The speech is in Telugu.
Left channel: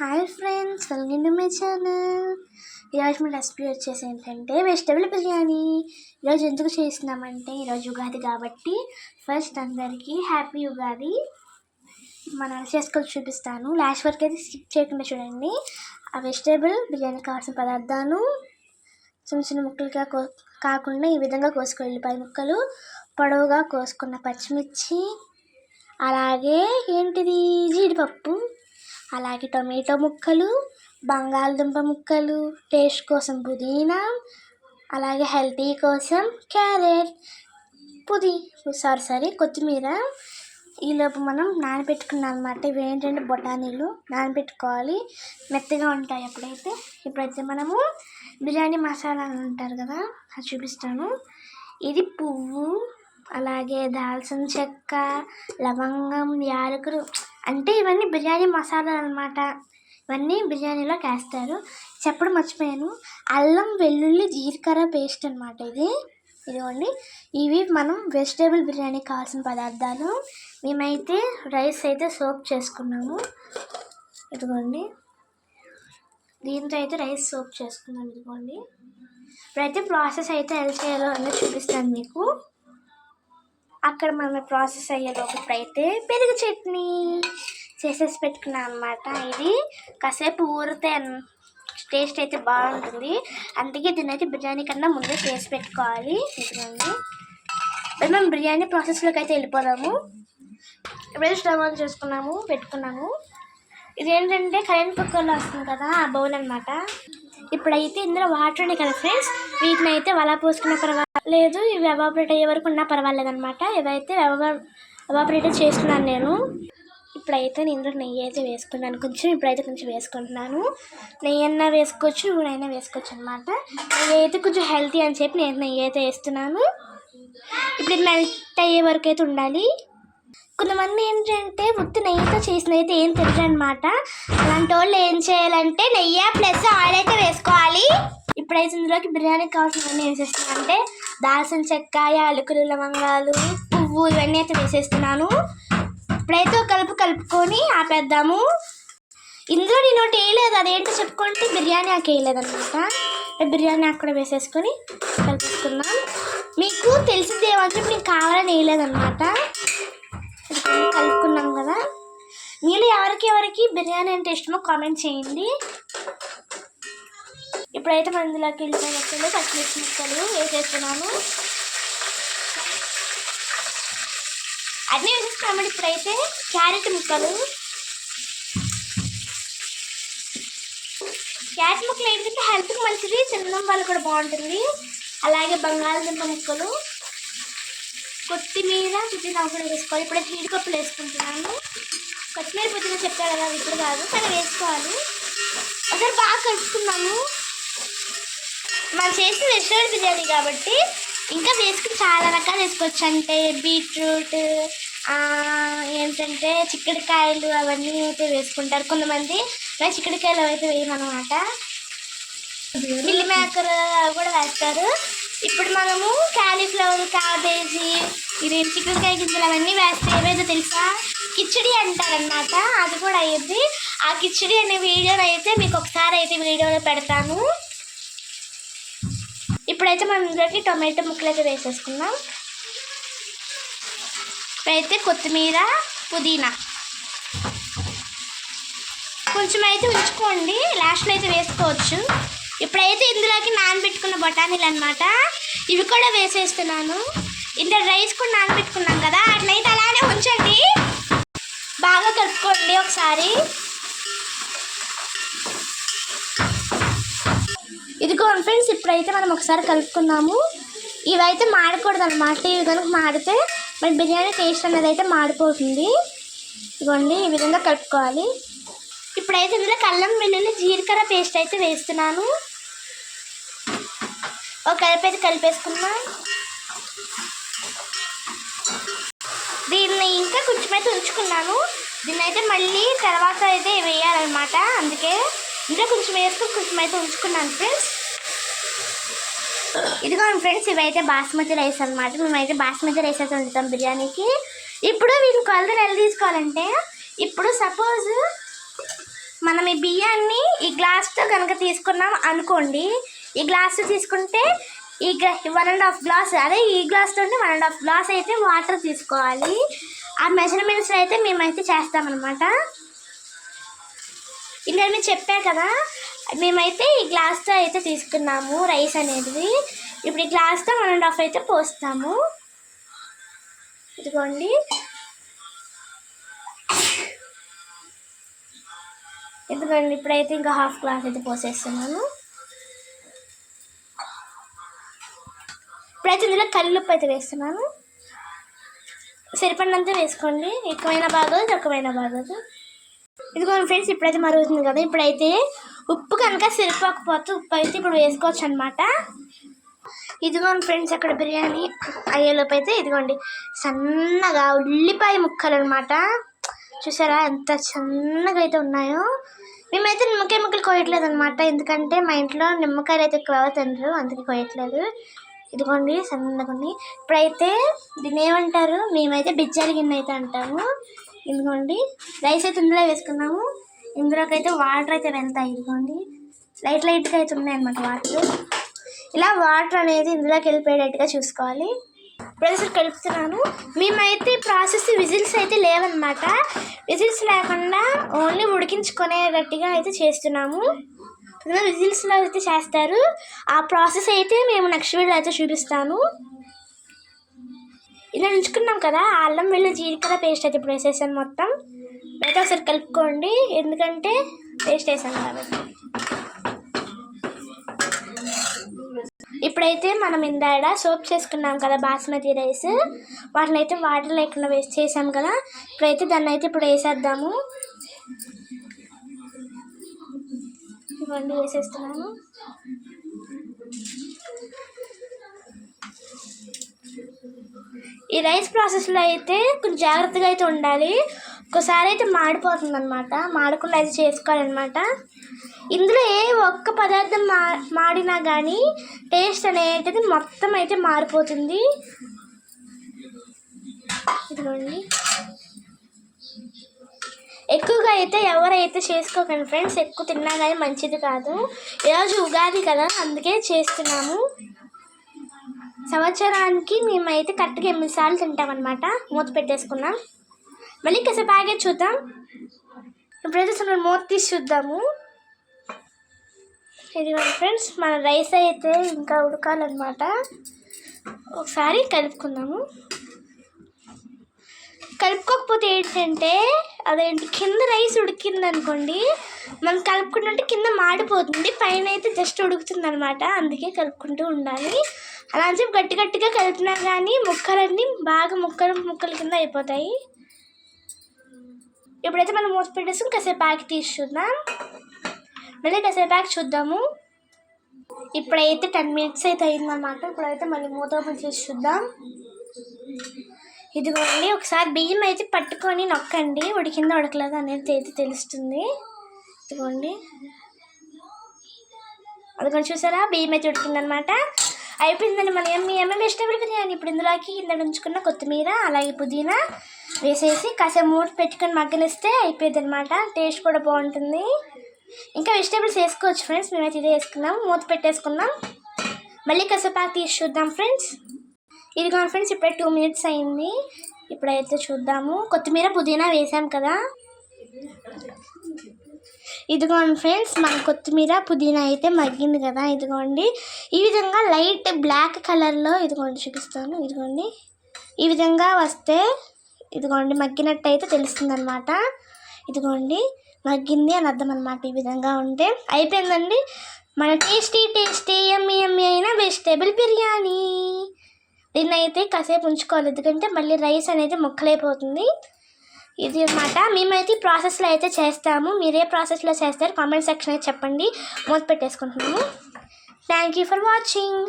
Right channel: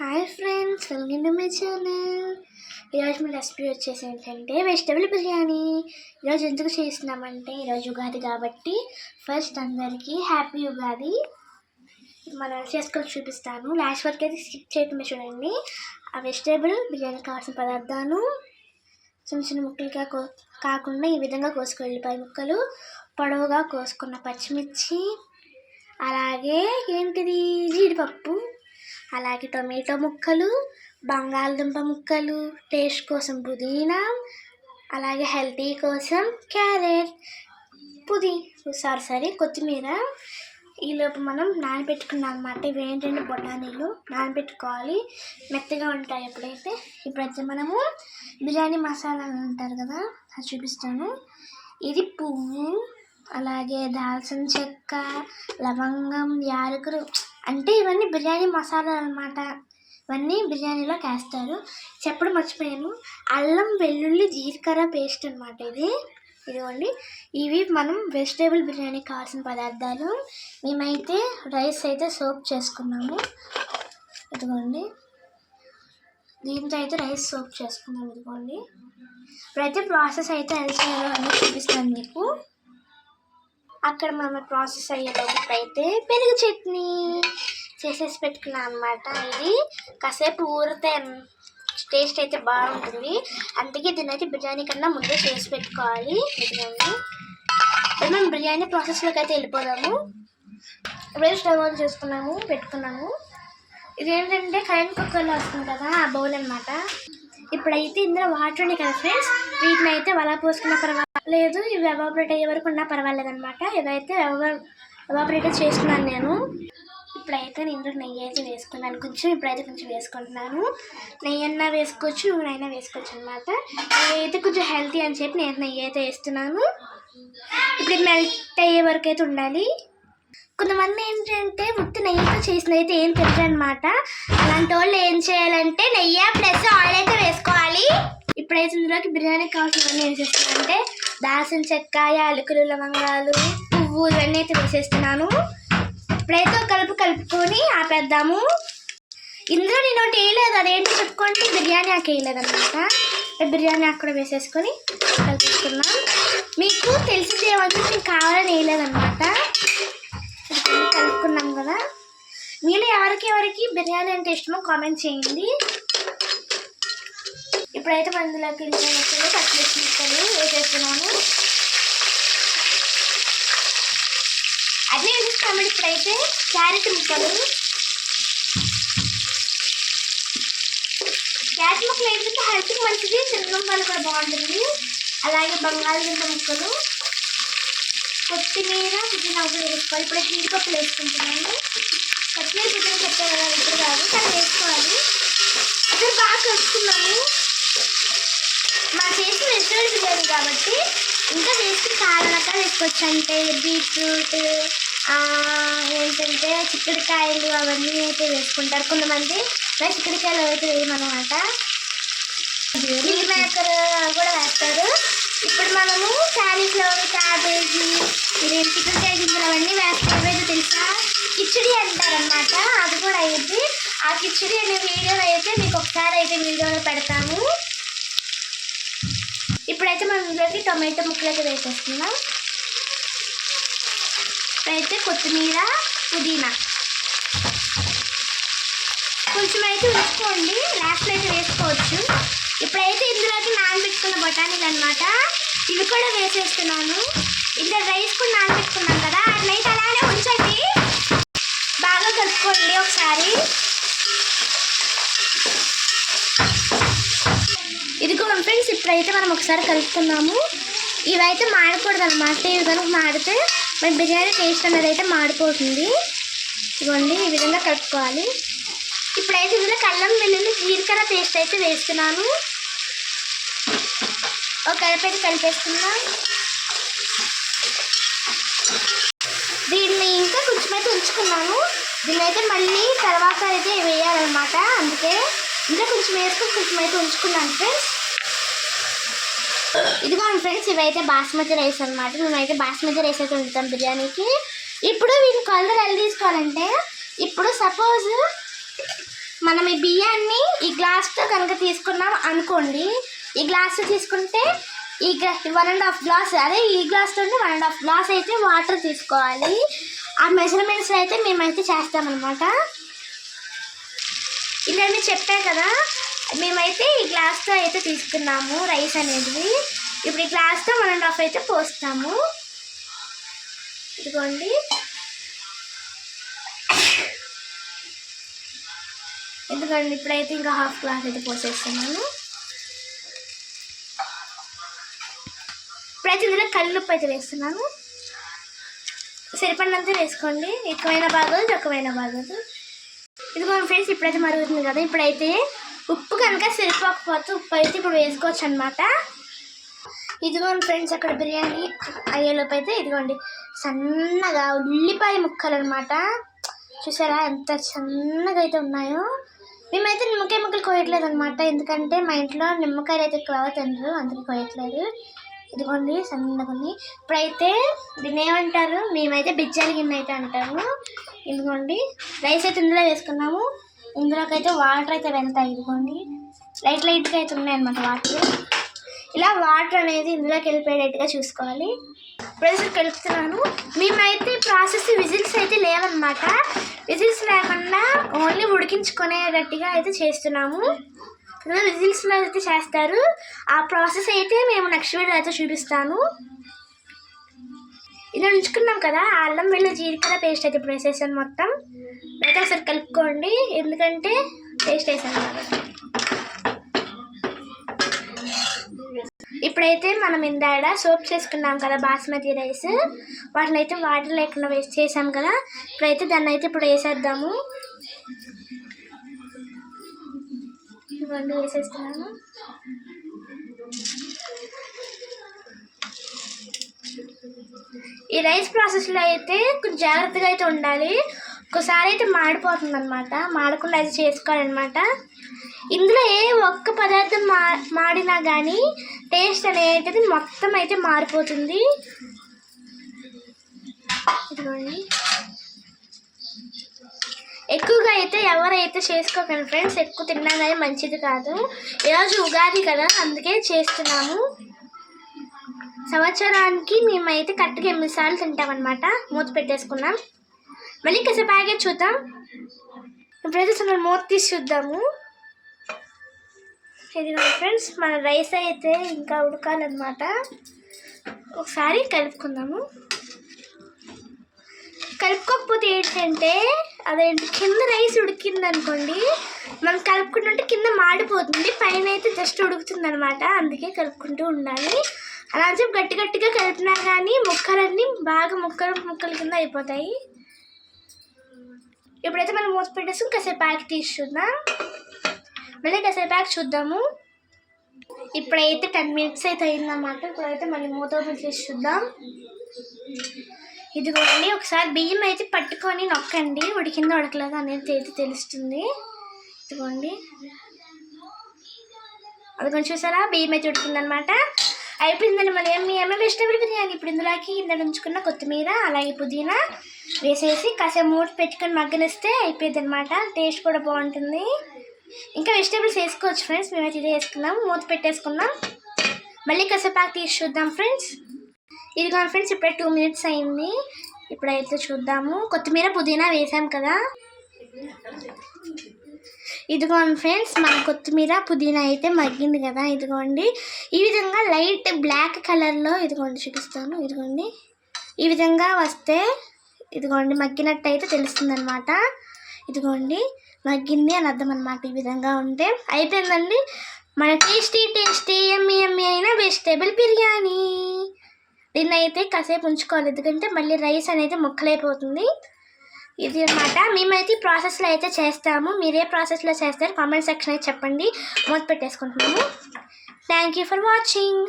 Hi friends, welcome to my channel. ఈరోజు మీ రెసిపీ వచ్చేసి ఏంటంటే వెజిటబుల్ బిర్యానీ. ఈరోజు ఎందుకు చేస్తున్నామంటే ఈరోజు ఉగాది కాబట్టి ఫస్ట్ అందరికీ హ్యాపీ ఉగాది. మనం చేసుకొని చూపిస్తాను, లాస్ట్ వరకు అయితే స్కిప్ చేయకుండా చూడండి. ఆ వెజిటబుల్ బిర్యానీ కావాల్సిన పదార్థాలు చిన్న చిన్న ముక్కలుగా కాకుండా ఈ విధంగా కోసుకు ఉల్లిపాయ ముక్కలు, పొడవుగా కోసుకున్న పచ్చిమిర్చి, అలాగే ఏంటిది జీడిపప్పు, అలాగే టొమాటో ముక్కలు, బంగాళదుంప ముక్కలు, టేస్ట్ కోసం పుదీనా, అలాగే హెల్తీ కోసం క్యారెట్, కొత్తిమీర. ఈలోపు మనం నానబెట్టుకున్నాం అన్నమాట. ఇవి ఏంటంటే బొటానీలు నానబెట్టుకోవాలి, మెత్తగా ఉంటాయి ఎప్పుడైతే. ఇప్పుడైతే మనము బిర్యానీ మసాలా అంటారు కదా, అది చూపిస్తాను. ఇది పువ్వు, అలాగే దాల్చిన చెక్క, లవంగం, యాలకులు, అంటే ఇవన్నీ బిర్యానీ మసాలా అన్నమాట. ఇవన్నీ బిర్యానీలో వేస్తారు. చెప్పడం మర్చిపోయాను, అల్లం వెల్లుల్లి జీలకర్ర పేస్ట్ అనమాట ఇదిగోండి. ఇవి మనం వెజిటేబుల్ బిర్యానీ కావాల్సిన పదార్థాలు. మేమైతే రైస్ అయితే సోప్ చేసుకున్నాము, ఇదిగోండి. దీంతో అయితే రైస్ సోప్ చేసుకున్నాము, ఇదిగోండి. ఇప్పుడైతే ప్రాసెస్ అయితే ఎలా చేయాలో అన్నీ చూపిస్తాను మీకు. అక్కడ మనం ప్రాసెస్ అయ్యేటప్పుడు ఇప్పుడైతే పెరుగు చట్నీ చేసేసి పెట్టుకున్నాను అనమాట. ఇది కాసేపు ఊరితే టేస్ట్ అయితే బాగుంటుంది, అందుకే దీని అయితే బిర్యానీ కన్నా ముందే చేసి పెట్టుకోవాలి. ఇదిగోండి, మనం బిర్యానీ ప్రాసెస్లోకి అయితే వెళ్ళిపోదాము. ఇప్పుడైతే స్టవ్ ఆన్ చేసుకున్నాము, పెట్టుకున్నాము. ఇదేంటంటే కరెంట్ కుక్కర్లో వస్తుంది కదా, ఆ బౌల్ అనమాట. ఇప్పుడైతే ఇందులో వాటర్ ఉన్నాయి కదా ఫ్రెండ్స్, వీటిని అయితే వలా పోసుకున్న పర్వాలేదు, ఇవి ఎవాపరేట్ అయ్యే వరకు ఉన్నా పర్వాలేదు అనమాట. ఇవైతే ఎవాపరేట్ చేస్తున్నాను నేను. ఇప్పుడైతే నేను ఇందులో నెయ్యి అయితే వేసుకున్నాను కొంచెం. ఇప్పుడైతే కొంచెం వేసుకుంటున్నాను. నెయ్యి అన్నా వేసుకోవచ్చు, నూనె వేసుకోవచ్చు అనమాట. నెయ్యి అయితే కొంచెం హెల్తీ అని చెప్పి నేను నెయ్యి అయితే వేస్తున్నాను. ఇప్పుడు ఇది మెల్ట్ అయ్యే వరకు అయితే ఉండాలి. కొంతమంది ఏంటంటే ఉత్తి నెయ్యితో చేసిన అయితే ఏం తెలియదు అనమాట. అలాంటి వాళ్ళు ఏం చేయాలంటే నెయ్యి ప్లస్ ఆయిల్ అయితే వేసుకోవాలి. ఇప్పుడైతే ఇందులోకి బిర్యానీకి కావాల్సినవన్నీ వేసేస్తున్నాను. అంటే దాల్చిన చెక్క, యాలకులు, లవంగాలు, పువ్వు, ఇవన్నీ అయితే వేసేస్తున్నాను. ఇప్పుడైతే కలుపుకొని ఆపేద్దాము. ఇందులో నేను ఒకటి వేయలేదు, అదేంటో చెప్పుకుంటే బిర్యానీ ఆకు వేయలేదన్నమాట. బిర్యానీ ఆకు కూడా వేసేసుకొని కలిపేసుకున్నాం. మీకు తెలిసింది ఏమంటే మీకు కావాలని వేయలేదన్నమాట. కలుపుకున్నాం కదా. మీరు ఎవరికి బిర్యానీ అంటే ఇష్టమో కామెంట్ చేయండి. ఇప్పుడైతే మనం ఇందులోకి వెళ్ళిపోయినప్పుడు పచ్చిమిర్చి ముక్కలు వేసేస్తున్నాము. అదే వేసేస్తాము. ఇప్పుడైతే క్యారెట్ ముక్కలు ఏంటంటే హెల్త్కి మంచిది, తినడం వల్ల కూడా బాగుంటుంది. అలాగే బంగాళదుంప ముక్కలు, కొత్తిమీర, పుదీనా కూడా వేసుకోవాలి. ఇప్పుడు జీడిపప్పులు వేసుకుంటున్నాను. కొత్తిమీర పుదీనా చెప్పాను కదా, ఇప్పుడు కాదు కానీ వేసుకోవాలి. అసలు బాగా కలుపుకున్నాము. మనం చేసిన వెజిటబుల్ బిర్యానీ కాబట్టి ఇంకా వేసుకుని చాలా రకాలు వేసుకోవచ్చు. అంటే బీట్రూట్, ఏంటంటే చిక్కుడుకాయలు, అవన్నీ అయితే వేసుకుంటారు కొంతమంది. చిక్కుడుకాయలు అయితే వేయమన్నమాట. మిల్లీ మేకర్ అవి కూడా వేస్తారు. ఇప్పుడు మనము క్యాలీఫ్లవర్, క్యాబేజీ, ఇది చిక్కుడుకాయ గింజలు అవన్నీ వేస్తే ఏవైతే తెలుసా, కిచిడి అంటారనమాట. అది కూడా అయ్యింది. ఆ కిచిడి అనే వీడియోని అయితే మీకు ఒకసారి అయితే వీడియోలో పెడతాను. ఇప్పుడైతే మనం ఇందులోకి టొమాటో ముక్కలు అయితే వేసేసుకుందాం. ఇప్పుడైతే కొత్తిమీర, పుదీనా కొంచెం అయితే ఉంచుకోండి, లాస్ట్లో అయితే వేసుకోవచ్చు. ఇప్పుడైతే ఇందులోకి నానబెట్టుకున్న బఠానీలు అనమాట, ఇవి కూడా వేసేస్తున్నాను. ఇందులో రైస్ కూడా నానబెట్టుకున్నాం కదా, అట్లయితే అలానే ఉంచండి. బాగా కలుపుకోండి ఒకసారి. ఇదిగోండి ఫ్రెండ్స్, ఇప్పుడైతే మనం ఒకసారి కలుపుకుందాము. ఇవైతే మాడకూడదు అనమాట. ఇవి కనుక మాడితే మన బిర్యానీ టేస్ట్ అనేది అయితే మాడిపోతుంది. ఇదిగోండి, ఈ విధంగా కలుపుకోవాలి. ఇప్పుడైతే ఇందులో అల్లం వెల్లుల్లి జీలకర్ర పేస్ట్ అయితే వేస్తున్నాను. ఒక కలిపి కలిపేసుకున్నాం. దీన్ని ఇంకా కొంచెం అయితే ఉంచుకున్నాను. దీన్ని అయితే మళ్ళీ తర్వాత అయితే వేయాలన్నమాట. అందుకే ఇంకా కొంచెం వేసుకొని కొంచెం అయితే ఉంచుకున్నాను ఫ్రెండ్స్. ఇదిగోండి ఫ్రెండ్స్, ఇవైతే బాస్మతి రైస్ అనమాట. మేమైతే బాస్మతి రైస్ అయితే వండుతాం బిర్యానీకి. ఇప్పుడు వీటిని కొలతలు ఎలా తీసుకోవాలంటే, ఇప్పుడు సపోజ్ మనం ఈ బియ్యాన్ని ఈ గ్లాస్తో కనుక తీసుకున్నాం అనుకోండి, ఈ గ్లాస్తో తీసుకుంటే ఈ 1.5 గ్లాస్, అదే ఈ గ్లాస్తో 1.5 గ్లాస్ అయితే వాటర్ తీసుకోవాలి. ఆ మెజర్మెంట్స్ అయితే మేమైతే చేస్తామన్నమాట. ఇలా చెప్పా కదా, మేమైతే ఈ గ్లాస్తో అయితే తీసుకున్నాము రైస్ అనేది. ఇప్పుడు ఈ గ్లాస్తో 1.5 అయితే పోస్తాము. ఇదిగోండి, ఎందుకండి ఇప్పుడైతే ఇంకా 1/2 గ్లాస్ అయితే పోసేస్తున్నాను. ఇప్పుడైతే ఇందులో కల్లుప్పు అయితే వేస్తున్నాను. సరిపడినంత వేసుకోండి, ఎక్కువైనా బాగోదు తక్కువైనా బాగోదు. ఇదిగోండి ఫ్రెండ్స్, ఇప్పుడైతే మరుగుతుంది కదా. ఇప్పుడైతే ఉప్పు కనుక సరిపోకపోతే ఉప్పు అయితే ఇప్పుడు వేసుకోవచ్చు అనమాట. ఇదిగోండి ఫ్రెండ్స్, అక్కడ బిర్యానీ అయ్యేలోపు అయితే ఇదిగోండి సన్నగా ఉల్లిపాయ ముక్కలు అనమాట. చూసారా ఎంత సన్నగా అయితే ఉన్నాయో. మేమైతే నిమ్మకాయ ముక్కలు కోయట్లేదు అనమాట, ఎందుకంటే మా ఇంట్లో నిమ్మకాయలు అయితే ఎక్కువ తినరు, అందుకే కోయట్లేదు. ఇదిగోండి సన్నగా ఉన్నాయి. ఇప్పుడైతే దీన్ని ఏమంటారు, మేమైతే బిజ్జాల గిన్నె అయితే అంటాము. ఇదిగోండి రైస్ అయితే ఇందులో వేసుకున్నాము. ఇందులోకి అయితే వాటర్ అయితే వెళ్తాయి. ఇదిగోండి లైట్గా అయితే ఉన్నాయన్నమాట వాటర్. ఇలా వాటర్ అనేది ఇందులోకి వెళ్ళిపోయేటట్టుగా చూసుకోవాలి. ఇప్పుడైతే కలుపుతున్నాను. మేమైతే ప్రాసెస్ విజిల్స్ అయితే లేవన్నమాట, విజిల్స్ లేకుండా ఓన్లీ ఉడికించుకునేటట్టుగా అయితే చేస్తున్నాము. విజిల్స్లో అయితే చేస్తారు. ఆ ప్రాసెస్ అయితే మేము నెక్స్ట్ వీడియో అయితే చూపిస్తాను. ఇలా ఉంచుకున్నాం కదా, అల్లం వెల్లుల్లి జీలకర్ర పేస్ట్ అయితే ఇప్పుడు వేసేసాను మొత్తం. అయితే ఒకసారి కలుపుకోండి, ఎందుకంటే పేస్ట్ వేసాను కాబట్టి. ఇప్పుడైతే మనం ఇందాడ సోప్ చేసుకున్నాం కదా బాస్మతి రైస్, వాటిని అయితే వాటర్ లేకుండా వేస్ట్ చేసాం కదా. ఇప్పుడైతే దాన్ని అయితే ఇప్పుడు వేసేద్దాము. ఇవన్నీ వేసేస్తున్నాను. ఈ రైస్ ప్రాసెస్లో అయితే కొంచెం జాగ్రత్తగా అయితే ఉండాలి. ఒక్కసారి అయితే మాడిపోతుంది అనమాట, మాడకుండా అయితే చేసుకోవాలన్నమాట. ఇందులో ఏ ఒక్క పదార్థం మాడినా కానీ టేస్ట్ అనేది మొత్తం అయితే మారిపోతుంది. ఇదిగోండి, ఎక్కువగా అయితే ఎవరైతే చేసుకోకండి ఫ్రెండ్స్, ఎక్కువ తిన్నా కానీ మంచిది కాదు. ఈరోజు ఉగాది కదా, అందుకే చేస్తున్నాము. సంవత్సరానికి మేమైతే కరెక్ట్గా 8 సార్లు తింటామన్నమాట. మూత పెట్టేసుకున్నాం. మళ్ళీ కాసేపు ఆగే చూద్దాం. ఇప్పుడైతే మూత తీసి చూద్దాము. ఇదిగోండి ఫ్రెండ్స్, మన రైస్ అయితే ఇంకా ఉడకాలన్నమాట. ఒకసారి కలుపుకుందాము. కలుపుకోకపోతే ఏంటంటే అదేంటి, కింద రైస్ ఉడికింది అనుకోండి, మనం కలుపుకుంటుంటే కింద మాడిపోతుంది, పైన అయితే జస్ట్ ఉడుకుతుంది అనమాట. అందుకే కలుపుకుంటూ ఉండాలి. అలా అని చెప్పి గట్టిగా కలిపినా కానీ ముక్కలన్నీ బాగా ముక్కల కింద అయిపోతాయి. ఇప్పుడైతే మనం మూత పెట్టేసుకుని కాసేపు ఆకి తీసి చూద్దాం. మళ్ళీ కాసేపు ఆకి చూద్దాము. ఇప్పుడైతే 10 మినిట్స్ అయితే అయిందన్నమాట. ఇప్పుడైతే మళ్ళీ మూత ఓపెన్ చేసి చూద్దాం. ఇదిగోండి, ఒకసారి బియ్యం అయితే పట్టుకొని నొక్కండి, ఉడికిందో ఉడకలేదు అనేది అయితే తెలుస్తుంది. ఇదిగోండి, అదిగోండి చూసారా, బియ్యం అయితే ఉడికిందనమాట. అయిపోయిందండి మన ఏమేమి వెజిటేబుల్ బిర్యానీ. ఇప్పుడు ఇందులోకి కింద ఉంచుకున్న కొత్తిమీర అలాగే పుదీనా వేసేసి కాసేపు మూత పెట్టుకొని మగ్గనిస్తే అయిపోయింది అనమాట. టేస్ట్ కూడా బాగుంటుంది. ఇంకా వెజిటేబుల్స్ వేసుకోవచ్చు ఫ్రెండ్స్, మేమైతే ఇదే వేసుకున్నాం. మూత పెట్టేసుకున్నాం. మళ్ళీ కాసేపు తీసి చూద్దాం ఫ్రెండ్స్. ఇదిగో ఫ్రెండ్స్, ఇప్పుడే 2 మినిట్స్ అయింది. ఇప్పుడైతే చూద్దాము. కొత్తిమీర పుదీనా వేసాం కదా. ఇదిగోండి ఫ్రెండ్స్, మన కొత్తిమీర పుదీనా అయితే మగ్గింది కదా. ఇదిగోండి, ఈ విధంగా లైట్ బ్లాక్ కలర్లో ఇదిగోండి చూపిస్తాను. ఇదిగోండి, ఈ విధంగా వస్తే ఇదిగోండి మగ్గినట్టు అయితే తెలుస్తుంది అనమాట. ఇదిగోండి మగ్గింది అని అర్థం అనమాట. ఈ విధంగా ఉంటే అయిపోయిందండి మన టేస్టీ యమ్మీ అయిన వెజిటేబుల్ బిర్యానీ. దీన్ని అయితే కాసేపు ఉంచుకోవాలి, ఎందుకంటే మళ్ళీ రైస్ అనేది ముక్కలైపోతుంది. ఇది అనమాట. మేమైతే ఈ ప్రాసెస్లో అయితే చేస్తాము. మీరు ఏ ప్రాసెస్లో చేస్తారు కామెంట్ సెక్షన్ అయితే చెప్పండి. మూత పెట్టేసుకుంటున్నాము. Thank you for watching.